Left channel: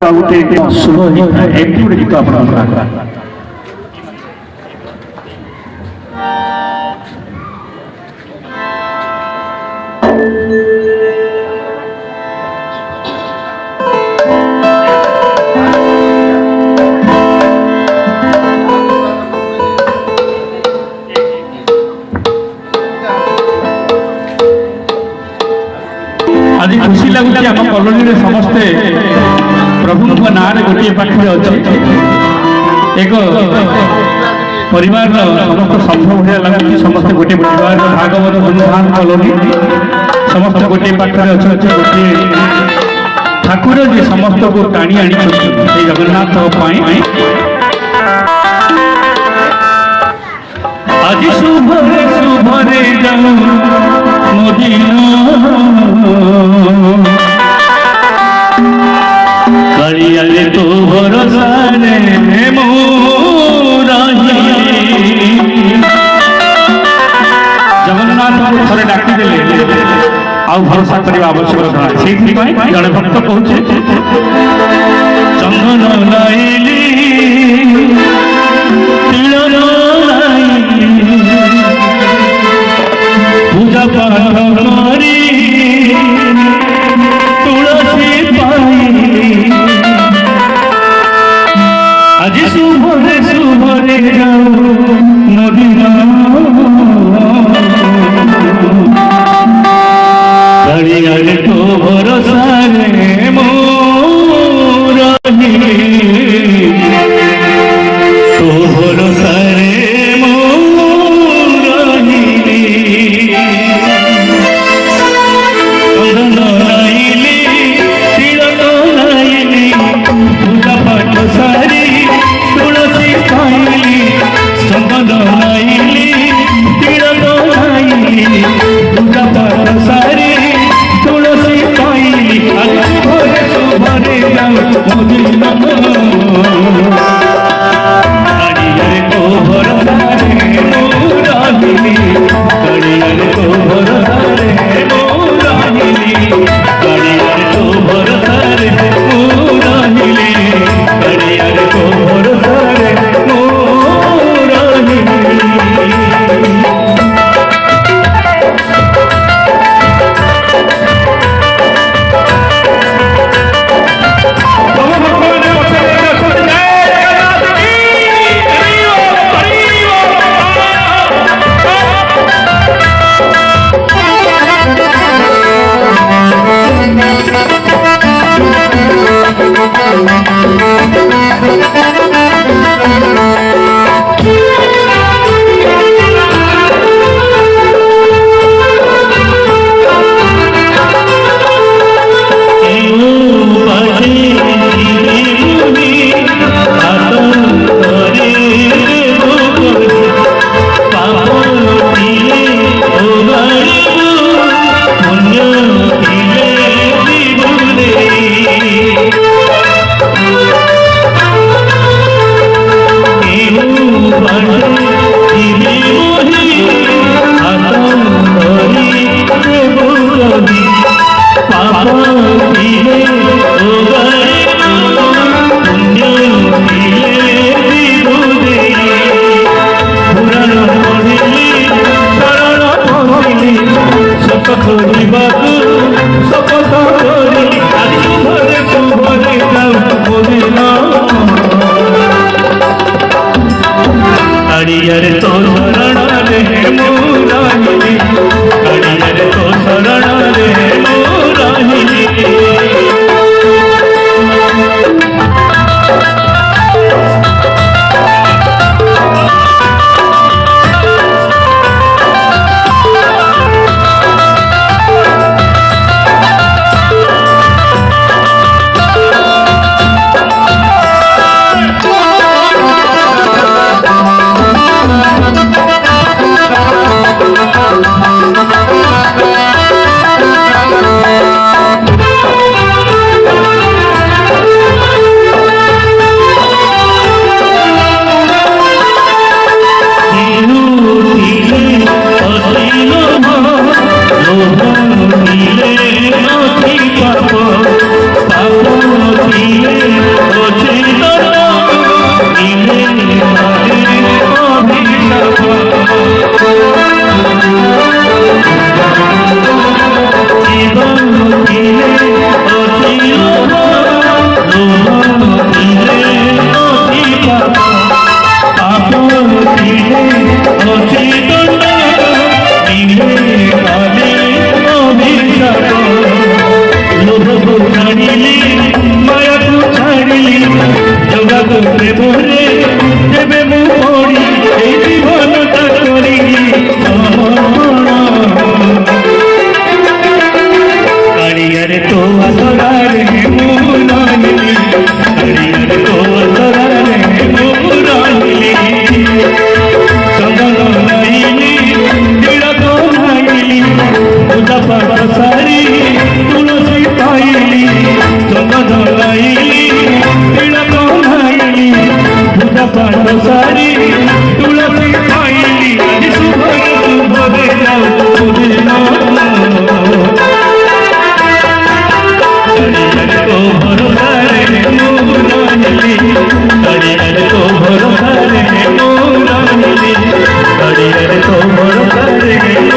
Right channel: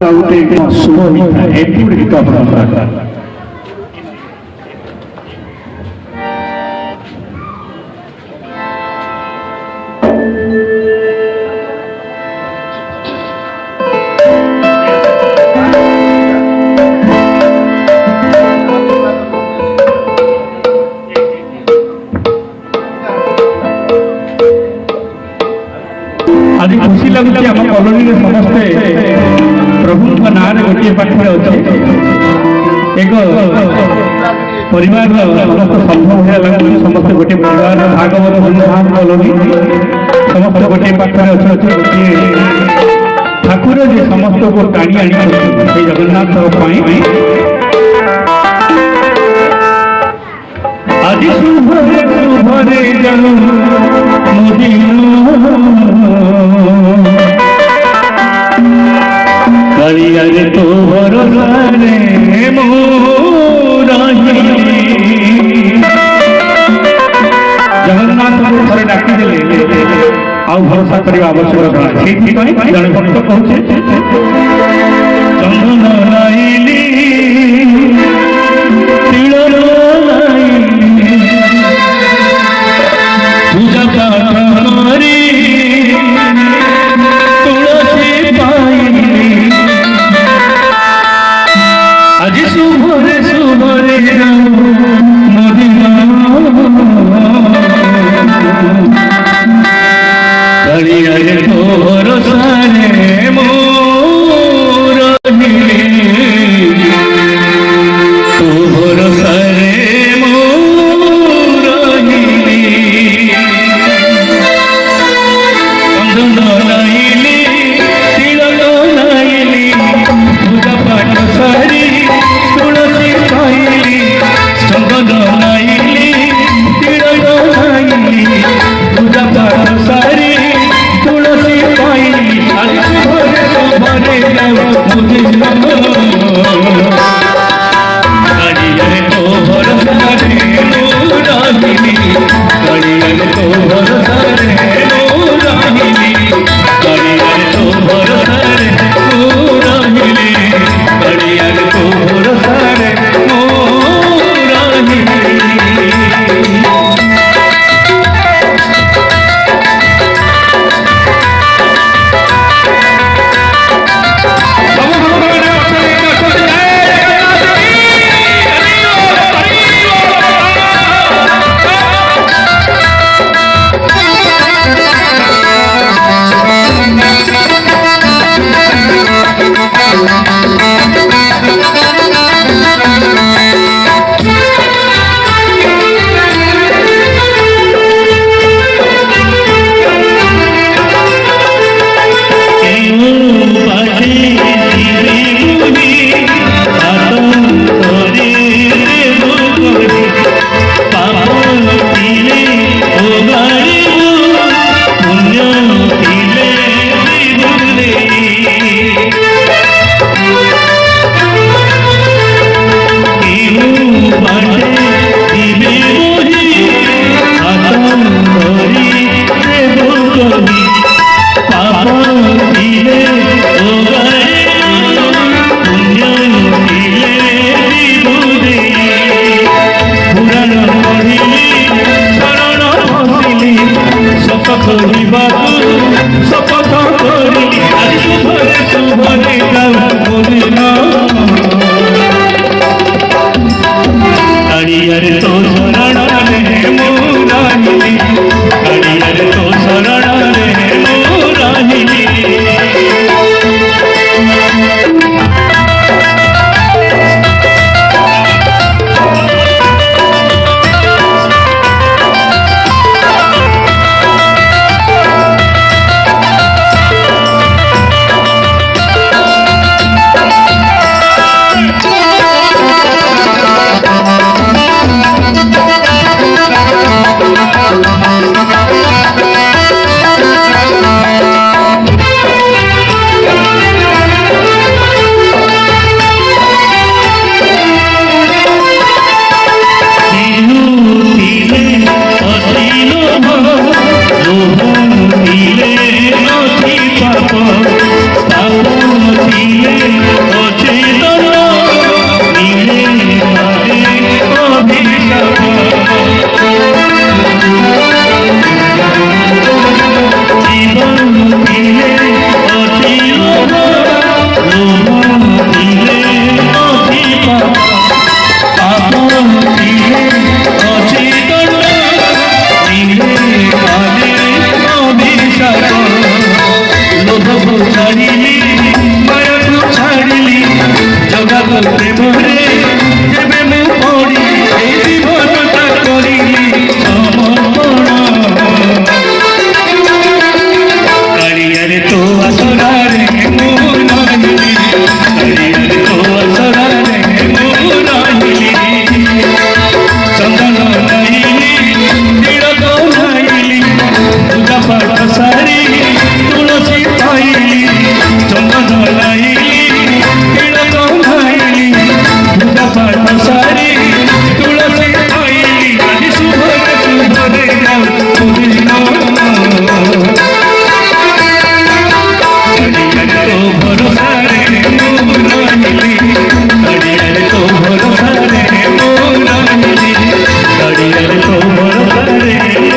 गोटे शुभ होता है एमती गोटे गीत आप आज खुशी लगुच आम कॉलोनी समस्ते प्रभु ना गोटे पाखे अच्छे एक परिवार समस्त संभव भाया लगुच समस्त गोटे परिवार भागवत धूमधाम कॉलोनी समस्त गोटे पाखे अच्छे अच्छे गोटे ठाकुर जी समस्त को टाणी आनी जगन्नाथ आज शुभ शुभ रे जाऊ कालियाले तो भरोसा रे मोराही जगन्नाथ को थरे डाकी देले आउ भरोसा करबा आवश्यक है सेठी पय जने भक्त कहूचे चंदन लाइली तिलनो लाइली पूजा पाठ करी आज शुभरे शुभरे मदिना कालियाले तो भरोसा रे मोर तो भरोसा रे मोर चंदन लाइली तिलक लाइली पूजा पाठ सारी ତୋର କରିବି